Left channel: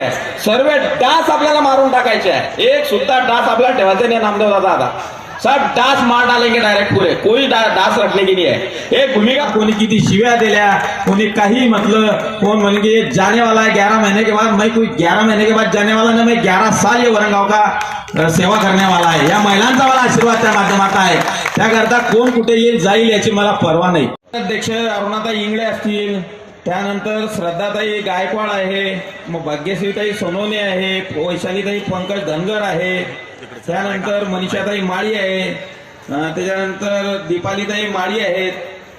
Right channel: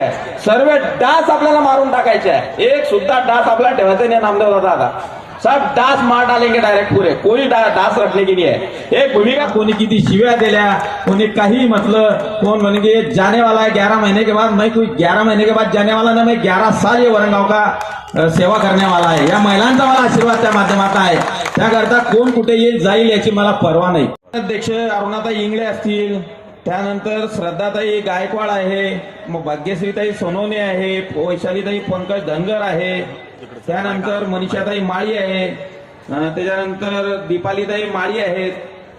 सर्व डास आपल्याला मारून टाकायचे आहे. एक सुद्धा डास आपला ठेवायचा नाही. नामदेव दादा आता सब डास मार डालेंगे डायरेक्ट पूरे. कोई डास रखने की नहीं है. एक भूमिका कोणी किती शिव्या दिल्या, कोणी काही म्हटलं, कोण म्हणजे जाने वाला है 11 महीने के बाद. मैं कोई 11 महीने के बाद जाने वाला ना, मैं 11 साल ये वरंगाव का सेवा करने वाला आहे. या महिलांचा मला आशीर्वाद त्या माध्यमात आहे. त्याकरता कोण कुठे येईल जाईल याची मला पर्वा नाही. अध्यक्ष अरुणाताई इंगळे असतील, त्यानंतर श्रद्धाताई गायकवाड आहे, मग भाग्यश्रीताई सोनवणे आहे, वैशालीताई पंकज धनगर आहे, त्यानंतर मनीषाताई माळी आहे, त्याच्यानंतर दीपालीताई माळी आहेत,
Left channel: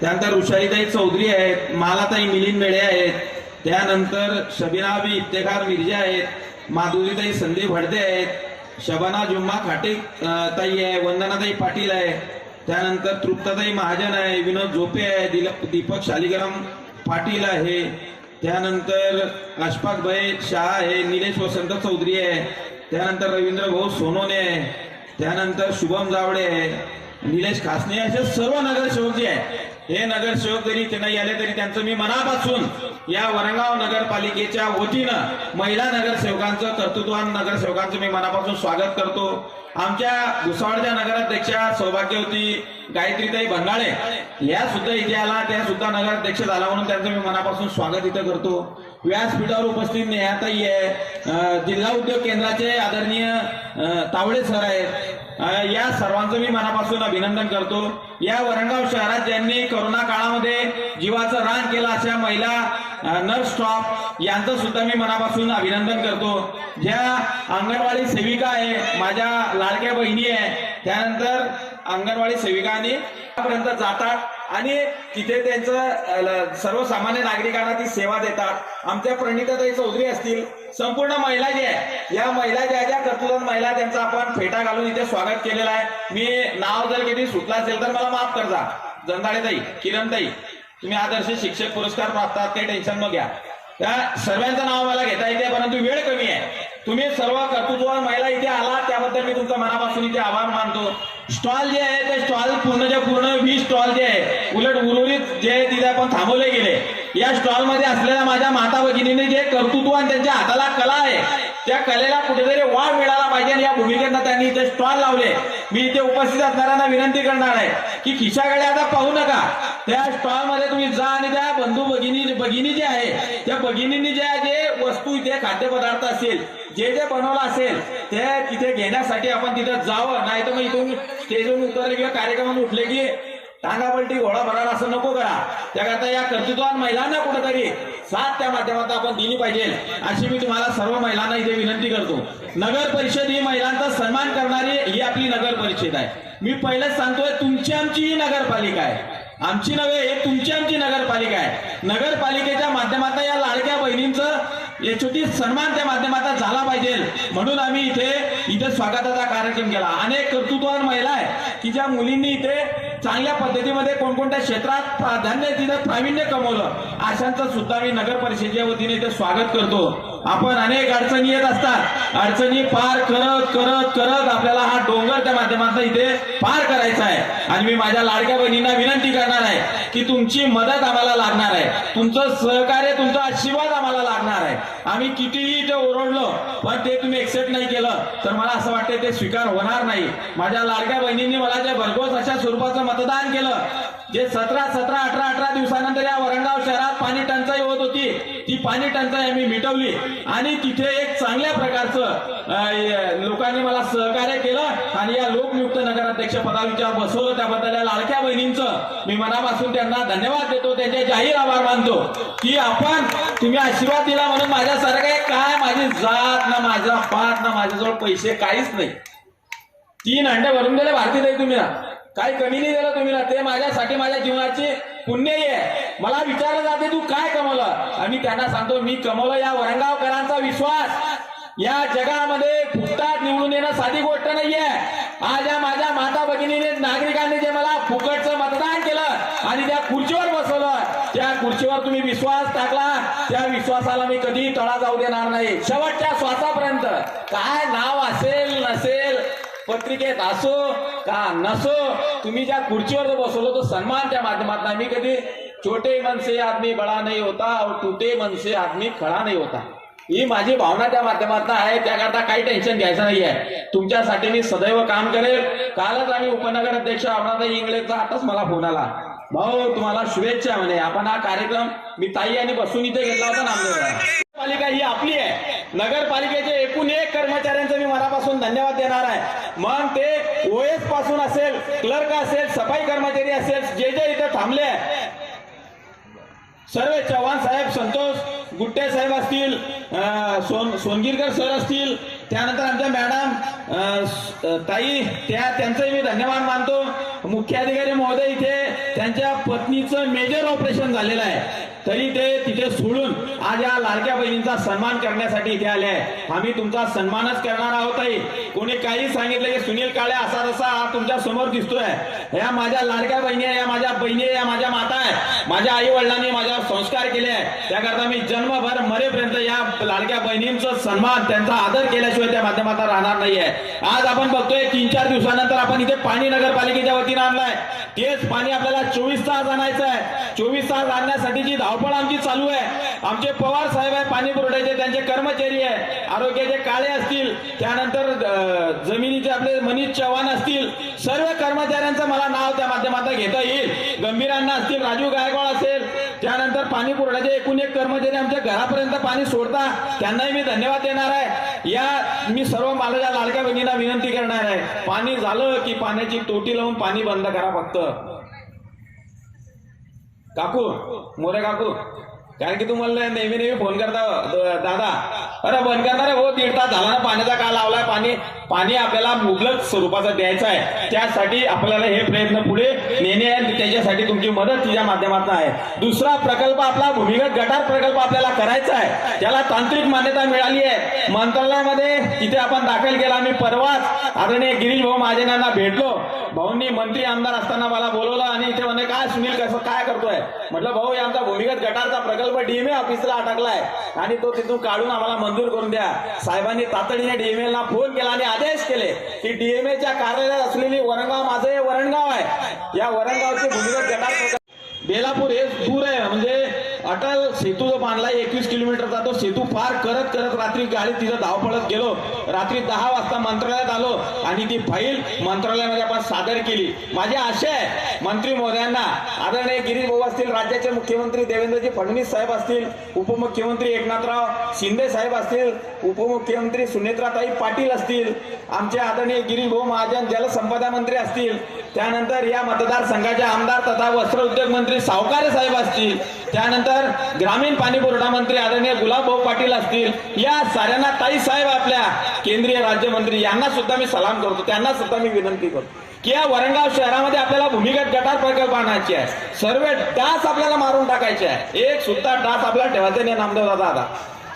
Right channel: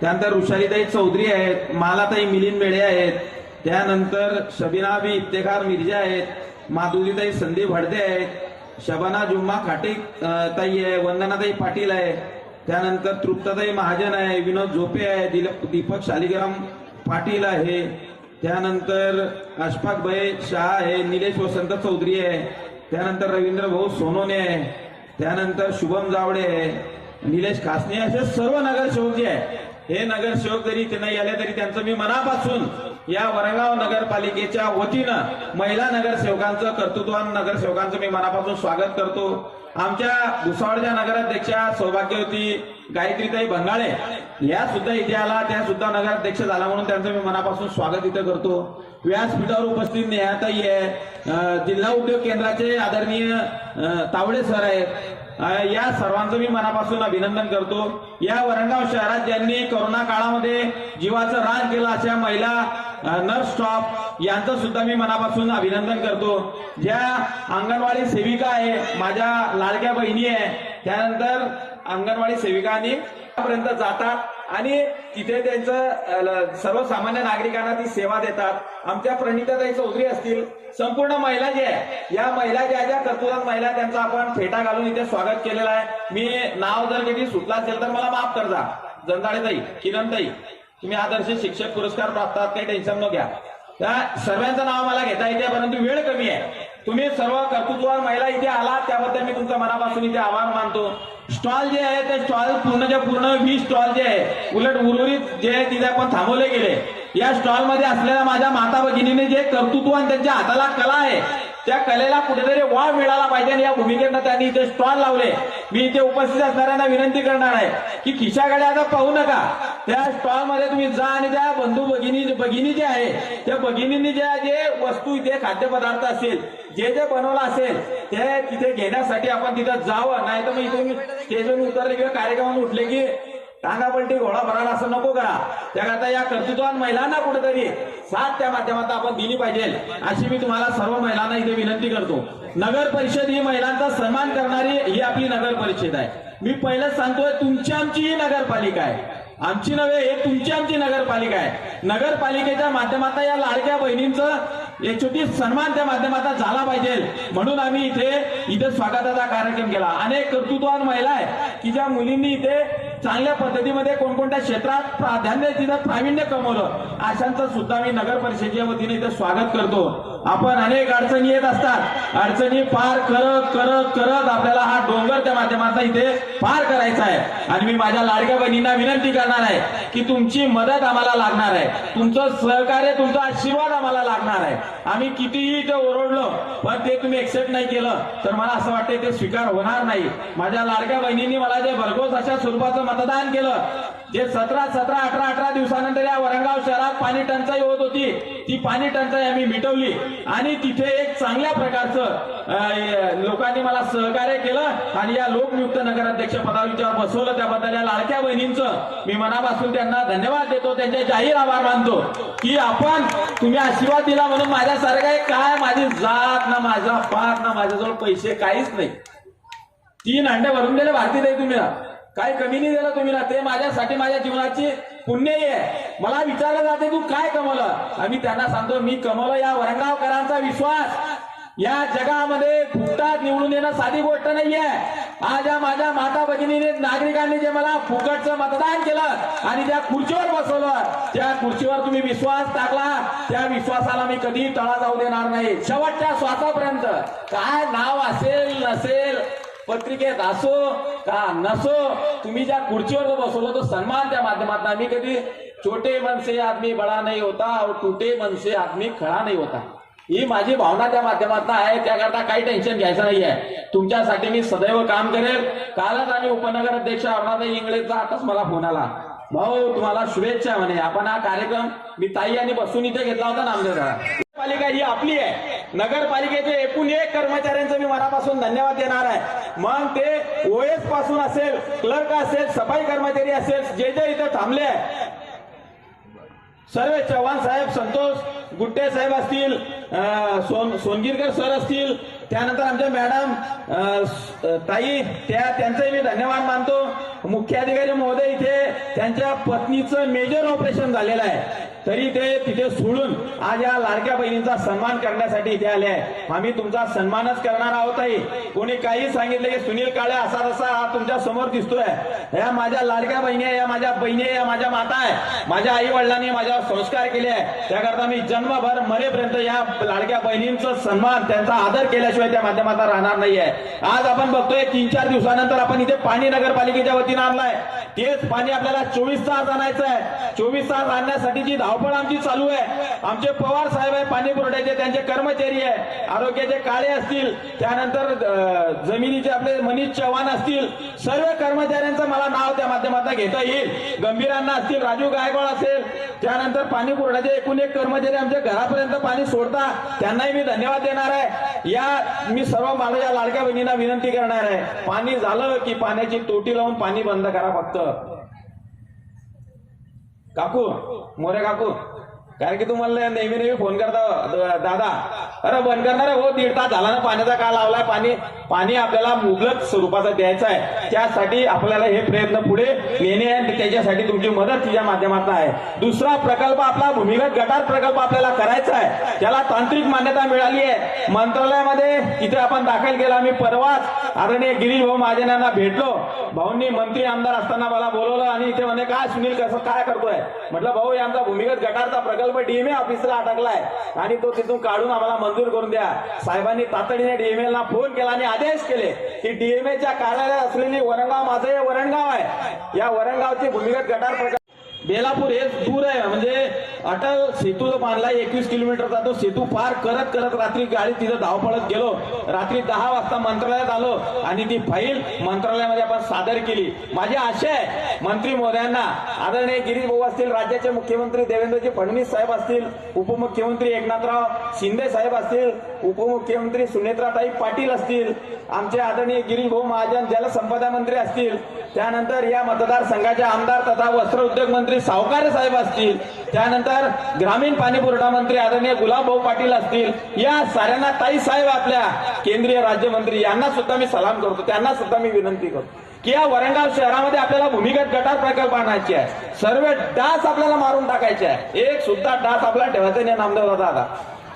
त्यानंतर ऋषालीताई चौधरी आहेत, मालाताई मिलिंद मेळे आहेत, त्यानंतर शबिनाबी इफ्तेखार मिर्जा आहेत, माधुरीताई संदीप हडदे आहेत, शबाना जुम्मा खाटे ताई आहे, वंदनाताई पाटील आहे, त्यानंतर तृप्ताताई महाजन आहे, विनोद झोपे आहे, दीपक शालिग्राम पाटील आहे, त्यानंतर अशफाक भाई शाह आहे, निलेश वसंत चौधरी आहे, त्यानंतर रवींद्र भाऊ सोनोने आहे, त्यानंतर शुभम जावडे आहे, निलेश खासने, असे सर्व नगरसेवक जे आहे. हे नगरसेवक जरी नाही आले तरी त्यांचं मी मनापासून या वरंगाव नगरपालिकेच्या वतीनं महिला नगरसेवकांचं, कर्तृत्ववान नगरसेवकांचं मी मनापासून स्वागत करतो. आमच्या भुसावळच्या नगराध्यक्षा सौभाग्यवती गायत्रीताई बंगाळे या सुद्धा इथे आला, त्या सुद्धा नगराध्यक्ष झाला म्हणून त्यांचं मी मनापासून स्वागत इथं करतो. व्यासपीठावर उपस्थित नेहाताई आहे, जिल्हा उद्योग केंद्राचे आदरणीय तावडे सर आहेत. या सर्वांचं मी मनापासून अभिनंदन करतो. या वरंगाव शहरात ज्यांनी कोरोना काळामध्ये जीवाचं रान केलं अशा महिला नर्स स्टॉप यांचं सुद्धा मी मनापासून अभिनंदन करतो. ज्या अंगणवाडी सेविका आहे, माझ्या लाडक्या बहिणी आहे, त्यानंतर अंगणवाडी सेविकांनी पर्यंत जातात आणि तिथे त्यांचं सर्वसामान्य नागरिकांना ती सेवा देतात. आमच्या प्रणिताताई चौधरी असतील, संपूर्ण महिला जे आहे, या महिला ज्या ज्या कर्तृत्ववान महिला त्यांचा आपण फेटा घालून इथे स्वागत केलेलं आहे. मी नाव जर कधी सुटला असेल तर मला माफ करजा. जंदाळेताई, किरणताई, तुम्ही आदर्श शिक्षक पुरस्कार प्राप्त आहात, काही टेन्शन न घ्या. त्या सर्वांचं नाव मला घेता येते, परंतु वेळ कमी आहे. तुम्ही सर्व कर्तृत्ववान महिला इथे आलात त्याबद्दल मी तुमचा मनापासून इथे आभार मानतो. स्टॉल जे आहे ते स्टॉल पूर्ण 20 स्टॉल जे आहे उलट उर्वरित जे आहे तिथे आपण थांबवले गेले. या स्टॉल मध्ये असलेल्या माझ्या माता भगिनीने जे कर्तृत्व आणि त्यांच्या हाताला कला आहे त्या कलेला कुठेतरी वाव मिळाला पाहिजे आणि या भूमिकेनं त्यांनी इथे स्टॉल लावले. मी इथे उपस्थित असणाऱ्यांना विनंती करणार आहे की खिशाकडे आता पाहू नका. त्या स्टॉल मध्ये तुम्ही जा आणि त्या बंधू भगिनी जे आहे त्या भगिनींनी जे वस्तू इथे खाद्यपदार्थ असेल जे बनवलं असेल ते तिथे घेण्यासाठी आपण तिथं जावं. नाही तर मग इथून स्टेजवरून उतरले किंवा कार्यक्रमात उठले की टांगापलटी घोडा भराडा असं नको करा. त्याकरता या कर्तृत्ववान महिलांना कुठेतरी साथ त्या माध्यमातून आपण दिली पाहिजे अशी मी तुम्हाला सर्व महिलांना इथे विनंती करतो. नगर परिषद ही महिलांचा सन्मान करणारी ही आपली नगर परिषद आहे. मी पहिलेच सांगतोय, तुमची आमची ही नगरपालिका आहे, आमची नव्हे, हे तुमची आमची नगरपालिका आहे. नगरपालिकेच्या माध्यमातून या लाडक्या बहिणींचं याच्यावरती सन्मान त्या माध्यमातून झाला पाहिजे म्हणून आम्ही इथे स्वागताचा कार्यक्रम केला. अनेक कर्तृत्ववान महिला आहे की ज्या मुलींनी इथे चांगल्या पद्धतीमध्ये कोणकोणत्या क्षेत्रात प्रावीण्य कमवलं, अशांचं सुद्धा मी नगर परिषदेच्या वतीने इथे स्वागत करतो. आपण अनेक अडचणी येत असतात, अडचणी पार करत करत करत आपल्याला हा डोंगर त्या माध्यमातून इथे पार करायचा आहे. आणि मी माझ्या लाडक्या बहिणींना विनंती करणार आहे की तुमची मदत आम्हाला लागणार आहे, तुमचं सहकार्य, तुमचा आशीर्वाद आम्हाला लागणार आहे. आम्ही कितीही ते ओरडलो पण ते तुम्ही एक्सेप्ट नाही केलं तर मला असं वाटतं ते स्वीकार होणार नाही. माझ्या लाडक्या बहिणींनी मला जे भरघोस अशा स्वरूपाचं मतदान केलं, जे 17 दिवसानंतर या वरंगाव शहरात पाणी टंचाई होत होती, ती पाणी टंचाई आम्ही मिटवली आणि तिथे एक चांगल्या प्रकारचं लोकांनी मला सहकार्य केलं आणि या लोकनियुक्त नगराध्यक्ष पदाविचार बसवलं. त्याबद्दल या लाडक्या बहिणींचं मी मनापासून त्यांना धन्यवाद देतो, त्यांचे जाहीर आभार मानतो की आपण तुम्ही आशीर्वाद दिला म्हणून माझ्यासारखं काय माझी जात ना माझा पाठ ना माझ्याजवळ पैसे काहीच नाही. 3 अंडे भरून दिले भारतीय ताई तुम्ही, काही कमी नाही दिलं तुम्ही, ते माझ्यासाठी माझ्या जीवनाची पुण्य आहे. मला विचारलं जाते तू काय कमवलं, आणि त्यांना सांगतो मी कमवलं या वरंगावकरांचा विश्वास. या जगामध्ये फुकटात निवडून येणं साधी गोष्ट नाहीये. आज या माझ्या माता भगिनीने नागरिकांनी जे मला फुकटचं मतदान केलं आणि त्या खुर्चीवर बसवलं, त्या खुर्चीवर तुम्ही विश्वास टाकला, त्या विश्वासाला मी कधी तळा जाऊ देणार नाही. शेवटच्या श्वासापर्यंत काय नाव असेल नसेल, पत्रिकेत असो का नसो, तुम्ही ज्या खुर्चीवर बसवलं तो सन्मान त्या माध्यमातून आम्ही कधी छोटे मन से आदमी बड़ा नहीं होता और टूटे मन से आदमी खड़ा नहीं होता. ही माझी भावना त्या माध्यमातून आहे, त्याकरता काही टेन्शन घ्यायचं नाहीये. तुमच्यासाठी मी सदैव काम करेल. कालच आम्ही उपनगर अध्यक्ष अरुणाताई इंगळेचा आताच मला फोन आला, भाऊ तुम्हाला शुभेच्छा म्हणे. आपण हा कार्यक्रम मी ताई आणि बसून इथे घेतला होता नामदेवला. पालिका ही आपली आहे. नगरपालिकेचे एकूण एक कर्मचाऱ्यांचं मी मनापासून धन्यवाद देणार आहे. मग ते ओएस पासून असेल, क्लर्क असेल, सफाई कर्मचारी असेल, जे जे इथे थांबले सर्व, चव्हाण साहेब, संतोष गुट्टे साहेब असतील, सोनगिरकर सर असतील, त्यानंतर आमच्या मॅडम ताई त्यांचंही मी धन्यवाद मानतो. मुख्याधिकारी महोदय इथे त्यांच्या पत्नीचं मेजर ऑपरेशन झालेलं आहे, तरी ते तिथे सोडून आज या लाडक्या बहिणींचा सन्मान करण्यासाठी इथे आले आहे. आम्ही तुमचा सन्मानच करणार आहोत. ताई कोणी काही सांगितलं की सुनील काळे असा तसा तुमच्या समोर दिसतोय, या माझ्या लाडक्या बहिणी आहे, या माझ्या बहिणी आहे, या माझ्या माता आहे. माझ्या आई वडिलांनी माझ्यावर संस्कार केले आहे, त्याकरता मी जन्मभर मरेपर्यंत या लाडक्या बहिणींचा सन्मान, त्यांचा आदर केल्याशिवाय त्या माध्यमातून राहणार नाहीये. आज आपण बघतोय 3-4 दिवसानंतर आपण इथे पाणी नगरपालिकेच्या वतीनं आणलंय. तेच पाणी आपल्याला 24 तास आणायचं आहे. 24 तास आणण्यासाठीची धावपळ आमची चालू आहे. आमचे पवार साहेब आहे पाणी पुरवठ्याचे, त्यांचे कर्मचारी आहे, आरोग्याचे काळे असतील, त्यानंतर जमिनीचे आपले मनीष चव्हाण असतील, सर्व कर्मचाऱ्यांचं मला नाव त्या माध्यमातून घेता येईल. गंभीरांना असतील, राजू गायकवाड असेल, त्यानंतर पाणी पुरवठ्याचे एकूण एक कर्मचारी आमच्या घरापर्यंत पाणी सोडता, त्यांनाही मी धन्यवाद देणार आहे. या मी सर्व माझ्या लाडक्या बहिणींना विनंती करणार आहे, पाणी झालं की पाण्याची तोटी लावून पाणी बंद करा फक्त. काकू, मोरे काकू, कारण की तुम्हाला नेहमी नेहमी फोन करता दादा, अरे बंद करणार हो, 1.5 तास झाला ना पाण्याचा का लावलाय. पाणी आपल्याला मुबलक स्वरूपाचं द्यायचं आहे, त्यासाठी आपल्याला हे प्रयत्न पुढे नेणे आणि त्याच्यासाठी तुमची मदत तिच्या माध्यमातून आहे. दुसरा प्रकल्प आपला भूमिगत गटार प्रकल्प आपल्याला करायचा आहे, त्याला तांत्रिक मान्यता मिळाली आहे मंत्रालयामध्ये, तिथे आपण दाखल केला. मी परवाच आदरणीय गिरीश भाऊ महाजन यांना भेटलो. भाऊंनी मंत्री आमदार असताना मला बोलवलं आणि इथे म्हणे काय सुनील कसं काय करतोय. म्हटलं भाऊ यांचा भूमिगत गटारचा प्रकल्प डीएमए ऑफिसला अटकलाय आणि तो तिथून काढून आम्हाला मंजूर करून द्या. साहेबांनी तातडीने डीएमएल ला फोन केला आणि आदेश केले की डीएमएच्या कार्यालय असलेली वरणगाव, माझं हे वरणगाव आहे, या वरणगावचे भूमिगत गटार बेलापूर हे दूर आहे, म्हणजे अटल सेतू जो बांधलाय 21 किलोमीटरचा, तो सेतू पार करत करत रात्री गाडी तिथं धावपळत गेलो. रात्री 10 वाजता मंत्रालयात आलो आणि ती फाईल मंत्रालयामध्ये आपण सादर केली. माझी आशा आहे मंत्री महोदयांना, आदरणीय गिरीश भाऊ असतील, राज्याचे मुख्यमंत्री देवेंद्रजी फडणवीस साहेब असतील, उपमुख्यमंत्री एकनाथराव शिंदे साहेब असतील, उपमुख्यमंत्री सुनेत्राताई पाटील असतील, आमचे आदरणीय गिरीश भाऊ महाजन जलसंपदा मंत्री असतील, त्यानंतर या मतदारसंघाचे आमदार तथा वस्त्र उद्योग मंत्री सावकार साहेब असतील, त्यानंतर ग्रामीण पाणी पुरवठा मंत्री आदरणीय गुलाबभाऊ पाटील असतील, या साऱ्यांना ताई साहेब आपल्या केंद्रीय राज्यमंत्री यांना सुद्धा मी सलाम करतो. त्यांना सुद्धा मी विनंती करतो की या वरणगाव शहरामध्ये आपल्याला भूमिगत गटार प्रकल्प आणायचे आहे. सर्व डास आपल्याला मारून टाकायचे आहे. एक सुद्धा डास आपल्याला ठेवायचा नाही नामदेव दादा,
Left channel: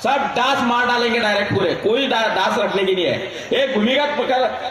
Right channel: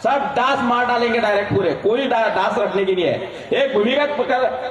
सब डास मार डालेंगे डायरेक्ट पूरे, कोई डास रखने की नहीं है. एक भूमिगत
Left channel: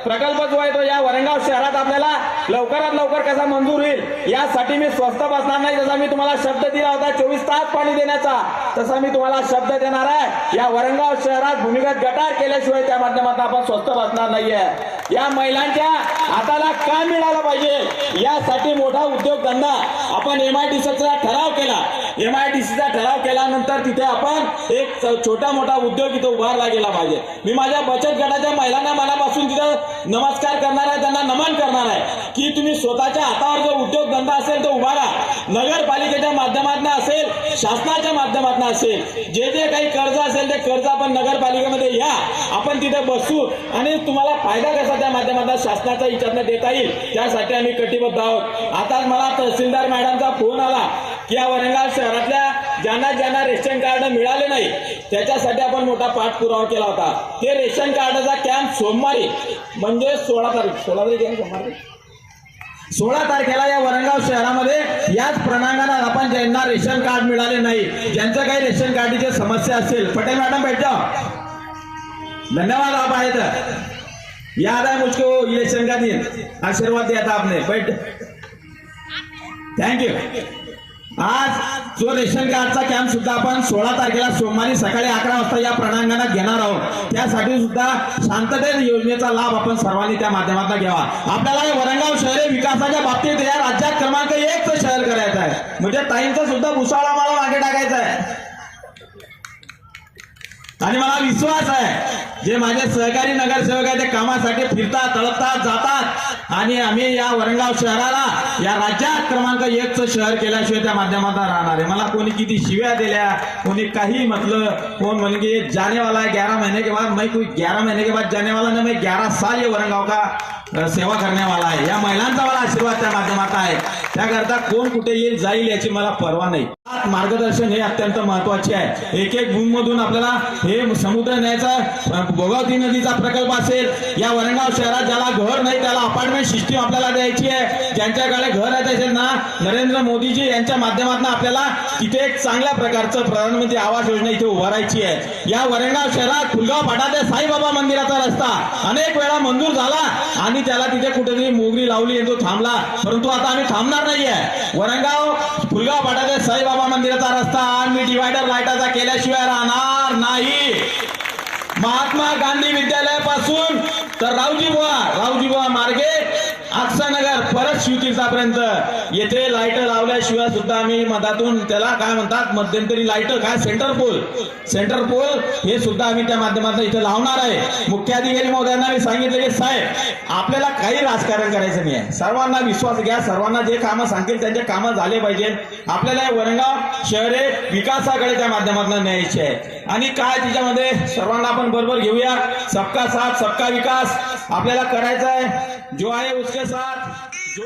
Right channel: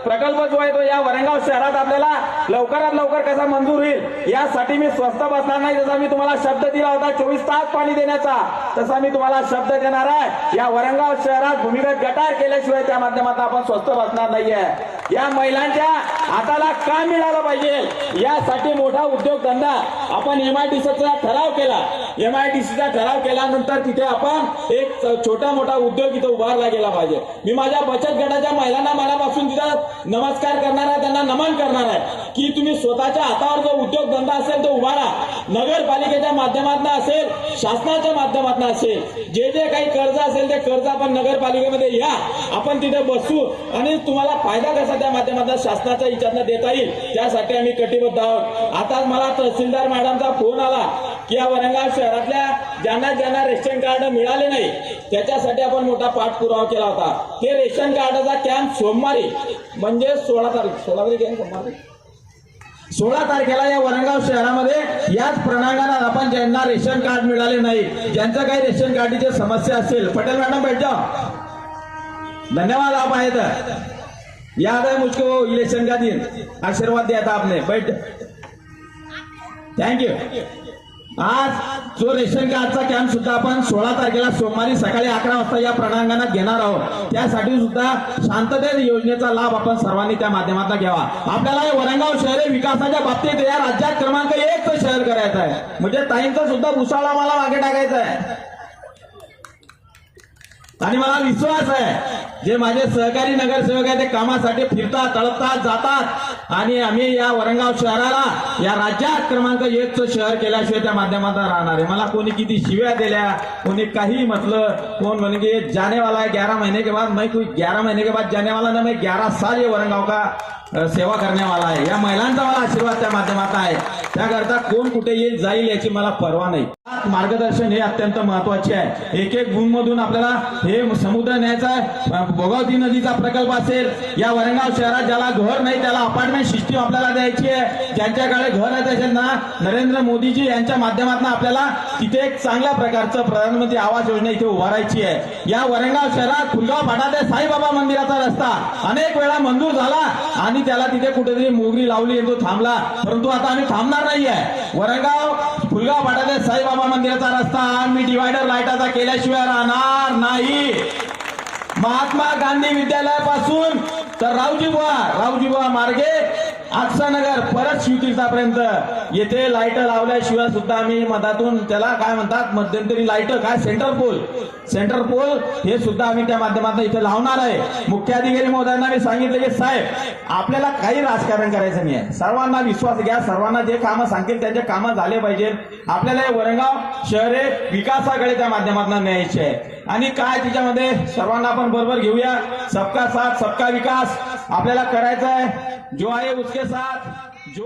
प्रकल्प जो आहे तो या वरणगाव शहरात आपल्याला लवकरात लवकर कसा मंजूर होईल यासाठी मी स्वस्त बसणार नाही. जसा मी तुम्हाला शब्द दिला होता 24 तास पाणी देण्याचा, तसा मी तुम्हाला शब्द देणार आहे. या वरणगाव शहरात भूमिगत गटार केल्याशिवाय त्या माध्यमातून आपण स्वस्त बसणार नाहीये. या महिलांच्या हाताला काम मिळालं पाहिजे यासाठी मोठा उद्योगधंदा आपण MIDCचा ठराव केला. MIDCचा ठराव केल्यानंतर तिथे आपण एक छोटा मोठा उद्योग इथं उभारला गेला पाहिजे. मी माझ्या बचत गटाच्या महिलांना मनापासून तिथं नमस्कार करणार आहे, त्यांना नमन करणार आहे की तुम्ही स्वतःच्या हातावर जो उद्योगधंदा असेल तो उभारा. नगरपालिकेच्या माध्यमातून असेल, शासनाच्या माध्यमातून असेल, जे जे काही कर्ज असेल ते कर्ज आपण नगरपालिकेमध्ये या, आपण तिथे बसू आणि तुम्हाला फायदा कसा त्या माध्यमातून शासनाच्या हिच्यातनं देता येईल त्यासाठी आम्ही कटिबद्ध आहोत. आता मला तहसीलदार मॅडमचा फोन आला की या वरणगाव शहरातल्या ज्यांना रेशन कार्ड मिळाले नाही त्याच्यासाठी आपण मोठा पाठपुरावा केला होता. ते रेशन कार्डाचा कॅम्प सोमवारी म्हणजे 16 तारखेला या वरणगाव शहरामध्ये याच प्रणांगणात आपण ज्यांना रेशन कार्ड मिळाले नाही, ज्यांचं काही रेशन कार्डची समस्या असेल, पटेल मॅडम बैठ जाओ, धन्यवाद आप आए थे, याद है मुझको इलेक्शन का दिन, आशीर्वाद दिया था आपने, बैठ, थँक्यू. आज जो रेशन कार्डचा कॅम्प सुद्धा आपण 16 तारखेला सोमवारी सकाळी 11 वाजता या प्रणांगणात घेणार आहोत. त्यासाठी सुद्धा शांततेत योजनेचा लाभ आपण सर्वांनी त्या माध्यमातून घ्यावा. आपल्याला हे वरणगाव शहर विकासाच्या बाबतीत या राज्यात क्रमांक 1चं शहर करायचं आहे, म्हणजे ताईंचा सुद्धा भुसावळा मला मागे टाकायचा आहे. आणि मला विश्वास आहे जे माझे सहकारी नगरसेवक आहे ते कामासाठी फिरतात तळपतात जातात आणि आम्ही या वरणगाव शहराला या राज्यात क्रमांक 1चं शहर केल्याशिवाय त्या माध्यमातून राहणार आहे. मला कोणी किती शिव्या दिल्या, कोणी काही म्हटलं, कोण म्हणजे जाने वाला है 11 महीने के बाद, मैं कोई 11 महीने के बाद जाने वाला ना, मैं 11 साल ये वरणगाव का सेवा करने वाला आहे. या महिलांचा मला आशीर्वाद त्या माध्यमात आहे. त्याकरता कोण कुठे येईल जाईल याची मला पर्वा नाही. मार्गदर्शन हे अत्यंत महत्वाचे आहे. एक एक गुणमधून आपल्याला हे समुद्र न्यायचा आहे. भोगावती नदीचा प्रकल्प असेल, या वरणगाव शहरात ज्याला घर नाही त्याला अपार्टमेंट सिस्टीम आपल्याला द्यायची आहे. ज्यांच्याकडे घर आहे असेल ना, नरेंद्र मोदीजी यांच्या माध्यमातून आपल्याला तिथे एक चांगल्या प्रकारचं प्रधानमंत्री आवास योजना इथे उभारायची आहे. या वरणगाव शहरात फुलगाव फाटा ते साईबाबा मंदिराचा रस्ता अनेक वेळा मंजूर झाला आणि त्याला तिथे कुठेतरी मोगरी लावली आणि तो थांबला, परंतु आता आम्ही थांबणार नाहीये. वरणगाव फुलगाव फाटा ते साईबाबा मंदिराचा रस्ता आम्ही डिवायडर लाईटाचा केल्याशिवाय राहणार नाही. महात्मा गांधी विद्यालयापासून तर रावजी बुवा मार्गे आक्षानगर परत शिवतीर्थापर्यंत येथे लाईट लावल्याशिवाय सुद्धा आम्ही मधातून त्याला काय म्हणतात मध्यंतरी लाईट काय सेंटर पोल हे सुद्धा आम्ही त्या माध्यमातून इथे लावणार आहे. मुख्याधिकारी महोदयांना सांगितलं की साहेब आपल्याला काही राजकारण करायचं नाही आहे. सर्वांना विश्वास घ्या, सर्वांना जे कामं सांगतील त्यांचे कामं झाले पाहिजे. आपल्याला हे वरणगाव शहर हे विकासाकडे त्या माध्यमातून न्यायचे आहे. आणि काय त्याच्यामध्ये सर्वांना आपण बरोबर घेऊया. सबका साथ सबका विकास आपल्याला करायचा आहे. जो आहे उसके साथ जो